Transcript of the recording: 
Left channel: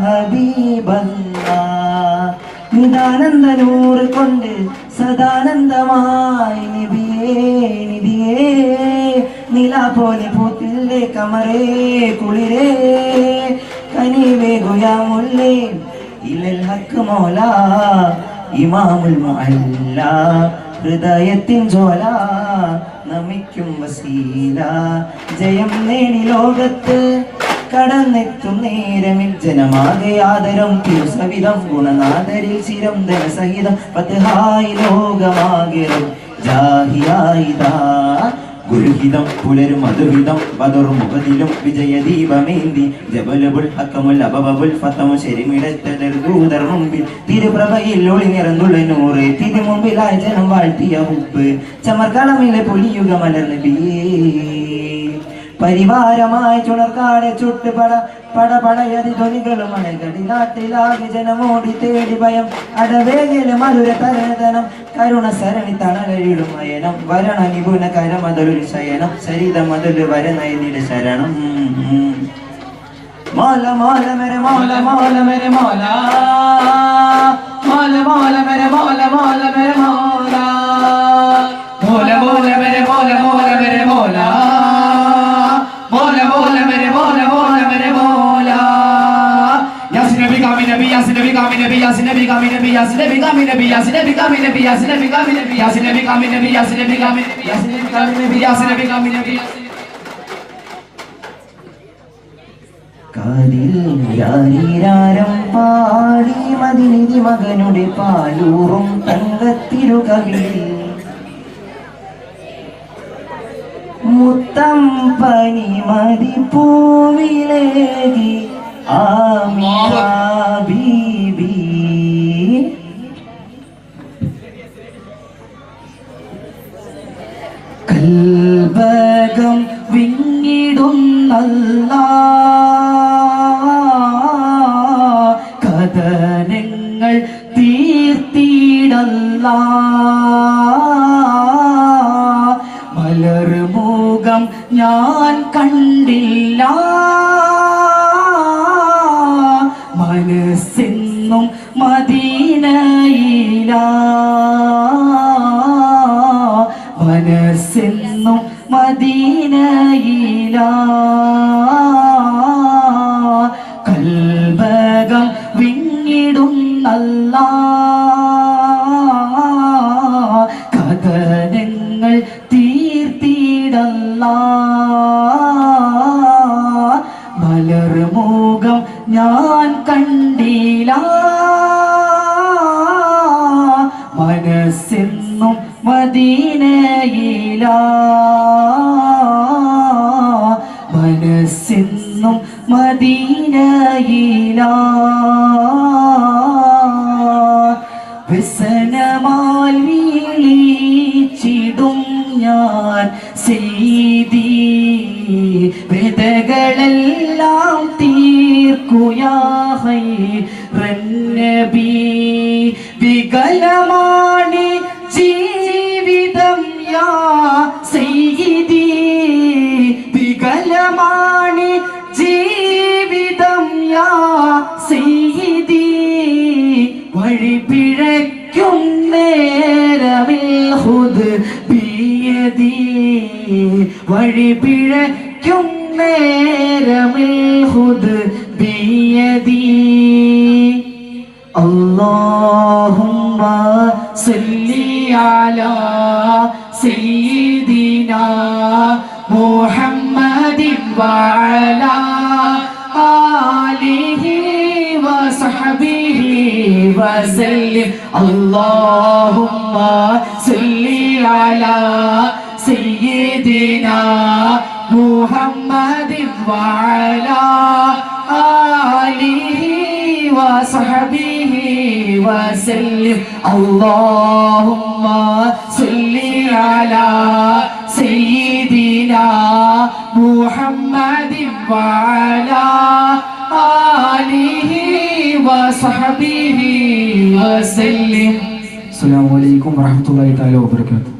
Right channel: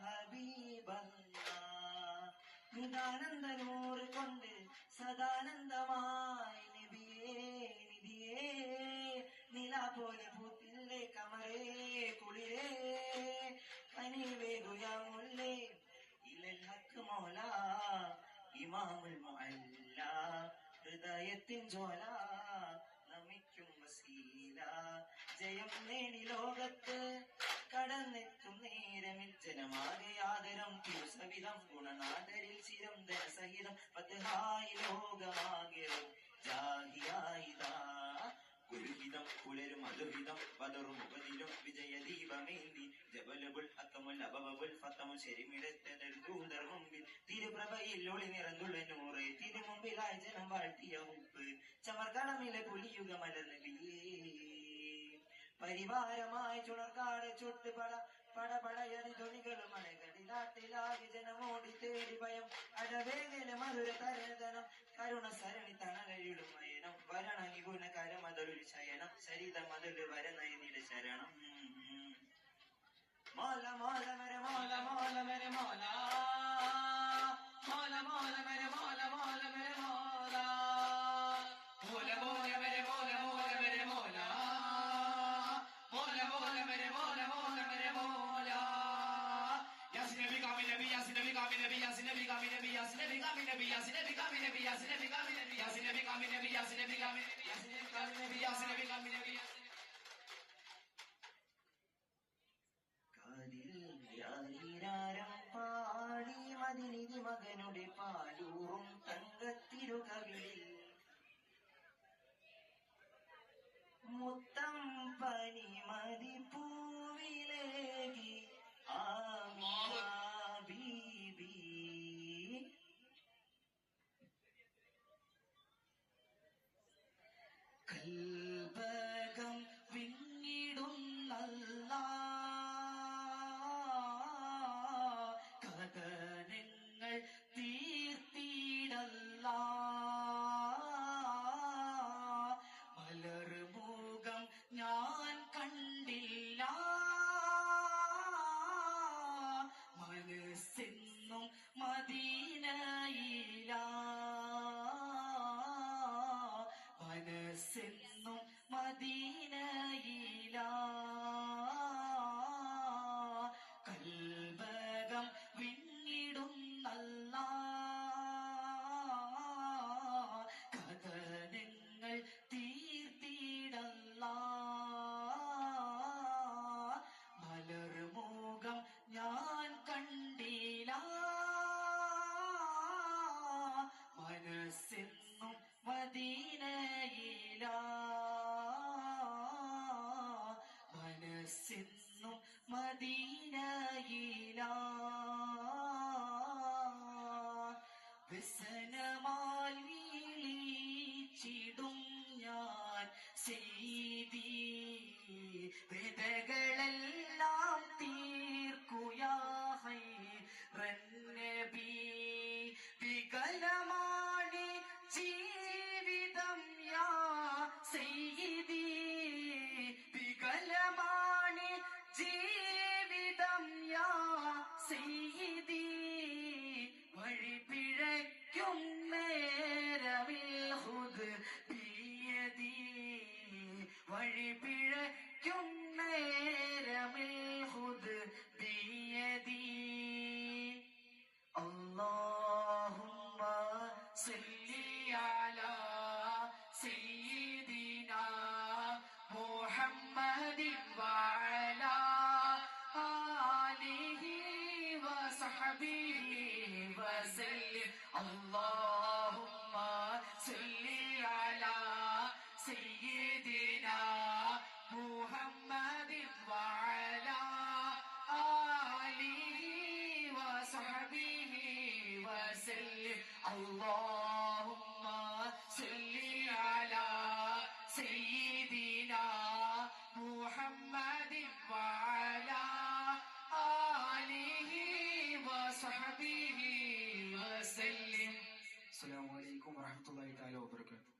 ഹബീബല്ലാ നിദാനന്ദ നൂറ് കൊണ്ട് സദാനന്ദമായി നിധിയേ നില പോലെ പൂത്തില്ലേ കമറേ കുളിരേ കനിവേ ഗുയാമുല്ലേ ഇലൽ ഹക്ക് മൗല ഇമാമുൽ മുഅല്ല ഹൃദയത്തിൻ ജ്വാല നമിക്കും വസീല ജയം നേടി ലോകത്ത് കടന്നെത്തും നേരമിൽ ജനമാകെ ആദരം തിരുസവിധം ഗുണനാദരിൽ ചിരം ധനസഹിതം പത്ഹായി ലോകമാകിരം ജാഹിയായിതാ ഗുരുഹിതം പുലരും മധുഹിതം ബദർ മുഖതിലും വിജയദീപമേന്തി ജബലുൽ ഹക്കമുൽ അബബുൽ ഫതമു ശരിമിടത്തൽ ദൂതർ മുമ്പിൽ തിരുപ്രഭയിൽ ഒളിനിറന്നുള്ള നൂറ് തിരുമുമ്പിലായി ജനം വാഴ്ത്തിയ ഹുബ് ചമർകളമിലെ പുലിയുഗ മലർന്ന് ബിയേ പരിവാരമായി ചുണർക്കാടെ ചുട്ട് പടയതി ധ്വനികളും അണകടി നാട്ടിലാകെ ജനമോടി തേടി ഭയം അടവേകയിലെ മധുര തരണതനം കരുണ സരണി തണലിടും അയനം വരണ നിപുണ കരമതൊരു ശയനം ശരീര മതൊരു വരനയനിയുടെ ശരണം മോല മോല മെരെ മോല മോല മെരെ മോല മോല മോല മെരെ മോല മോല മെരെ മോല മോല മോല മെരെ മോല മോല മെരെ മോല പാടി മദിനിധി മകനുടെ പാലൂറും തങ്കത്തിരുകവിളിൽ മുത്തം പനി മതി പൂവിലേകി ആമിന ബീബി കൽബകം വിങ്ങിടുന്നല്ലാ കഥനങ്ങൾ തീർത്തിടല്ലാ മലർമുഖം ഞാൻ കണ്ടില്ല മനസ്സെന്നും മദീനയില മനസ്സെന്നും മദീനയില കൽബകം വിങ്ങിടുന്നല്ലാ കഥനങ്ങൾ തീർത്തിടല്ലാ മലർമുഖം ഞാൻ കണ്ടില്ല മനസ്സെന്നും മദീനയില മനസ്സെന്നും മദീനയില വ്യസനമാൽ വീളിച്ചിടും ഞാൻ സെയ്തി വേദകളെല്ലാം തീർക്കുയാ നബി വികലമാണി ജീവിതം യാ സയ്യിദി വികലമാണി ജീവിതം യാ സയ്യിദി വഴി പിഴയ്ക്കും നേരമിൽ ഹുദ് ബിയദി വഴി പിഴയ്ക്കും നേരമിൽ ഹുദ് ബിയദി اللهم صل على سيدنا محمد وعلى آله وصحبه وسلم اللهم صل على سيدنا محمد وعلى آله وصحبه وسلم اللهم صل على سيدنا محمد وعلى آله وصحبه وسلم. السلام عليكم ورحمة الله تعالى وبركاته.